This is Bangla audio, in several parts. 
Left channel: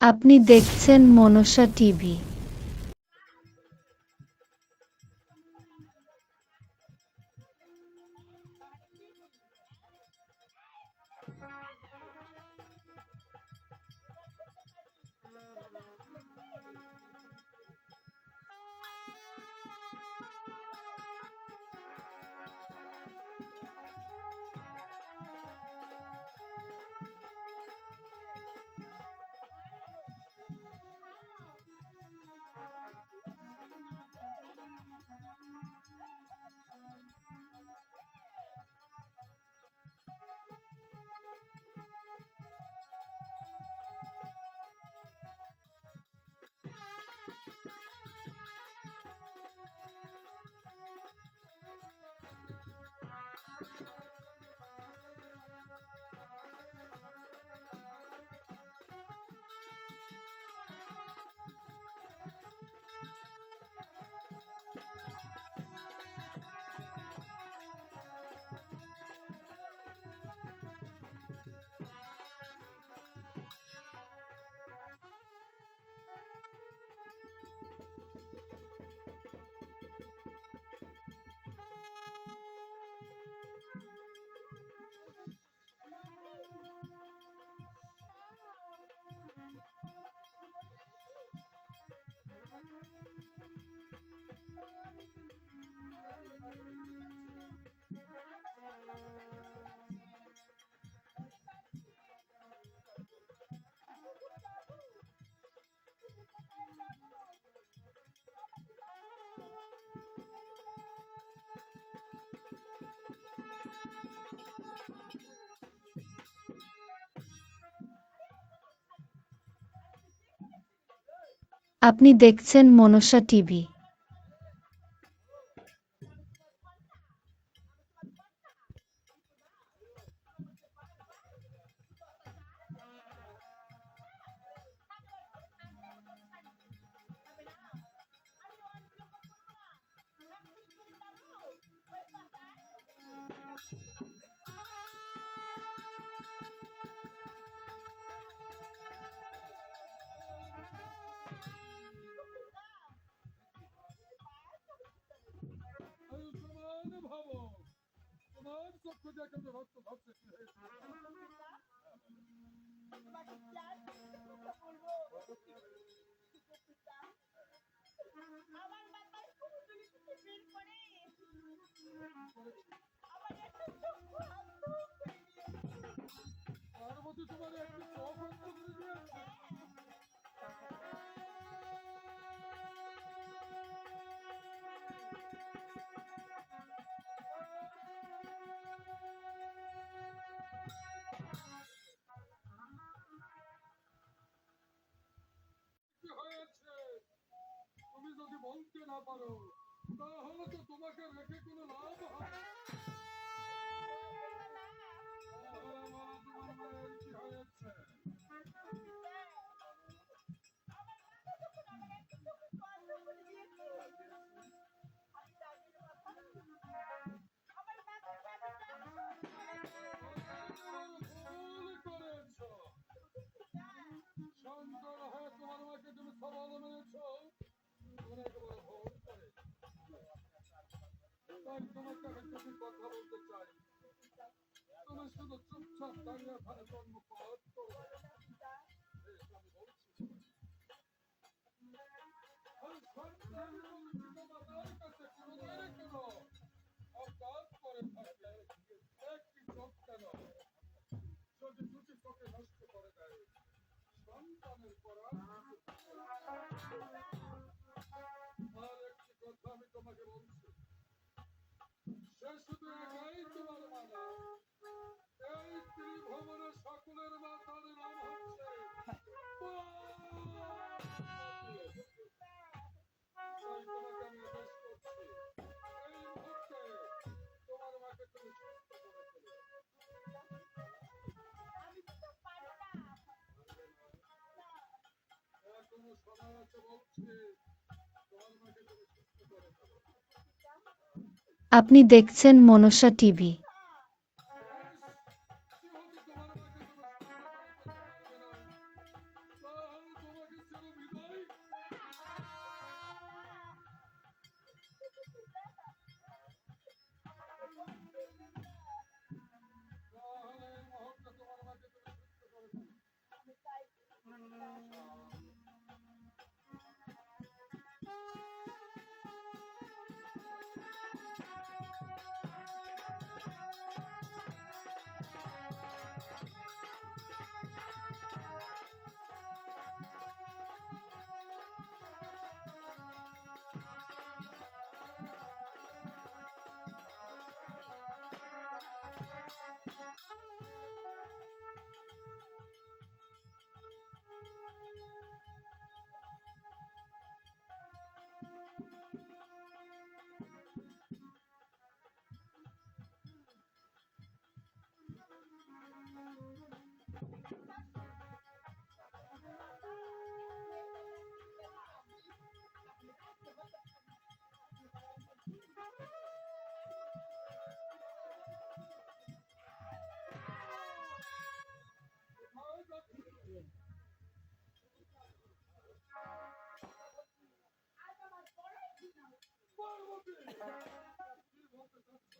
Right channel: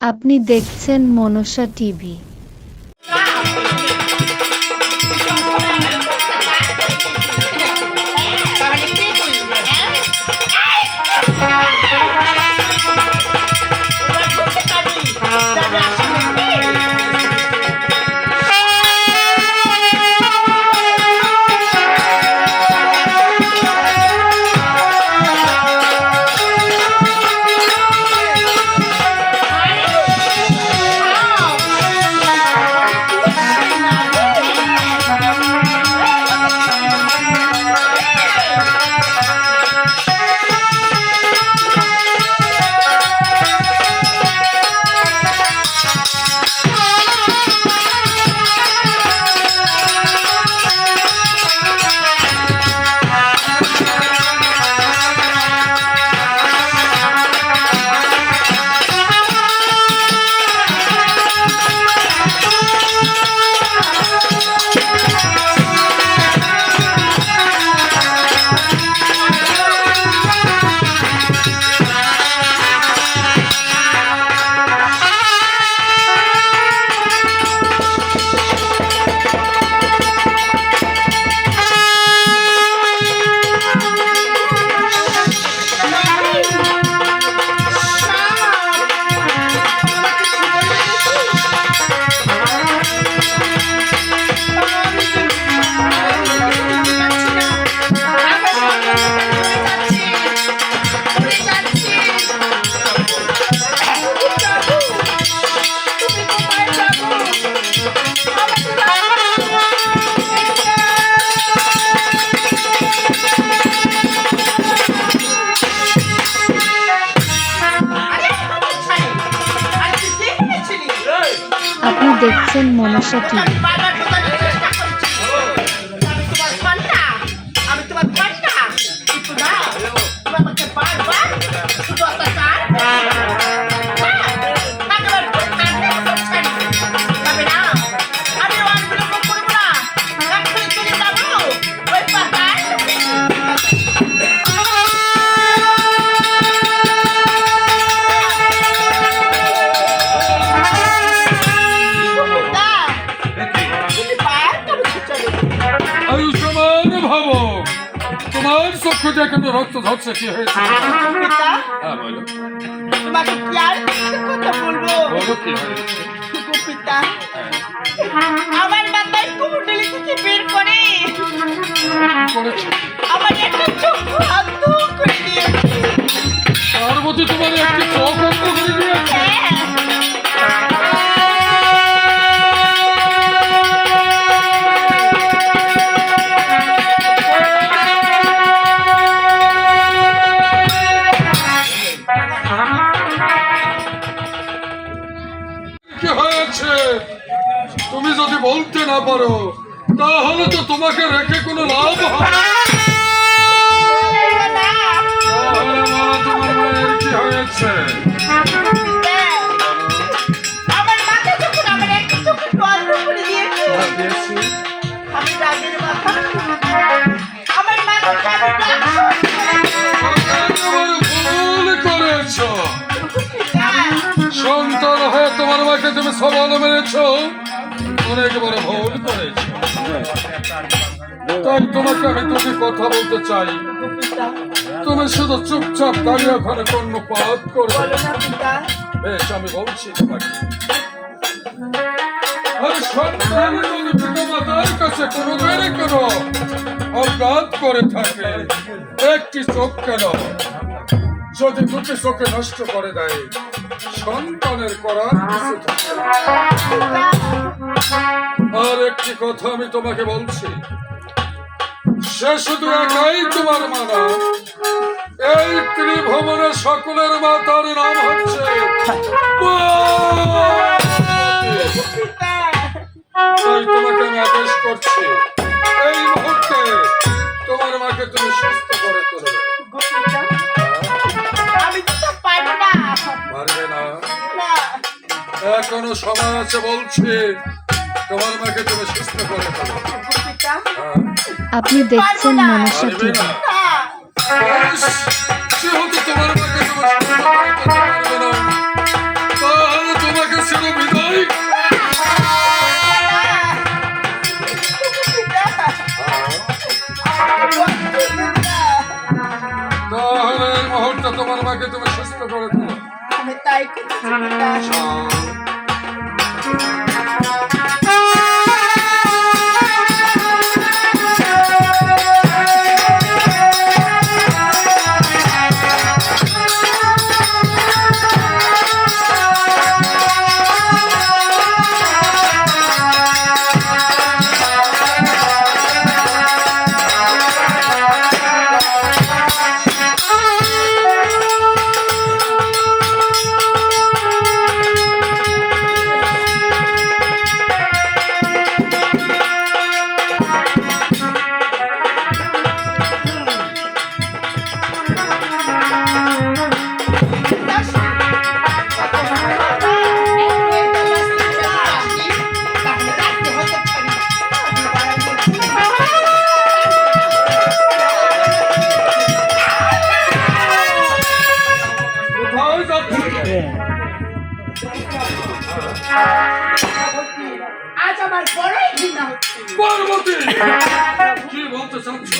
আপনি দেখছেন মনসা টিভি। আপনি দেখছেন মনসা টিভি। দিয়ে কিন্তু রক্ত ঝরছে কি হয়েছে হ্যাঁ বলো তোমাকে কি আর একটা কথা বলব? বলো কি হয়েছে পিতা আমার মাথায় কুমুটলি থেকে বের করে। করেছে। তুমি যদি বলতে না পারো তাহলে তো তোমাকে রেখে কোনো লাভ হবে তোমার মায়ের কি হয়েছে? হ্যাঁ, সন্তান হয়ে তোমার মাকে তুমি সবল মেরেছ? বড় ভুল করেছ। তাই তোমাকে আমি দুটি কথা বলতে চাই। তুমি শুধু চুপচাপ দাঁড়িয়ে করবে। বলো না পিতা। বেশ আমি বলছি তোমাকে। আরে সন্তান যদি পিতামাতার কাছে কেন অপরাধ করে থাকে। একটি চোখ কেন? যদি দুটি চোখে নষ্ট করে দেয়, সন্তানের করার কিছু আর একটি কথা আমি তোমাকে বলছি। সে শুধু একাই তোমার মানা এই ত্রিভুবনের সকলের মাতার নাম হচ্ছে তোমাকে আমি আদেশ করছি, এই মুহূর্তে তোমার মাকে তুমি সুস্থ করে এখনও সময় আছে বলছি। তোমার মাকে তুমি সুস্থ করে হ্যাঁ। আপনি দেখছেন মনসা টিভি। হ্যাঁ। তোমার মাকে তুমি সুস্থ করে তোলো তাই আজ আমার বড়ই ঘৃণা হচ্ছে। পার্বতী কি বলতে চাচ্ছ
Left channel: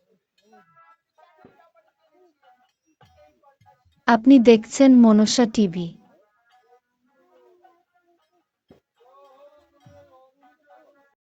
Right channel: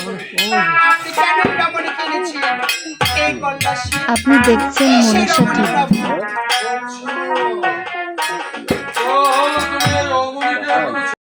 আপনি কেন রমণী কিনেছেন এই কন্যাশ্রী আপনি দেখছেন মনসা টিভি।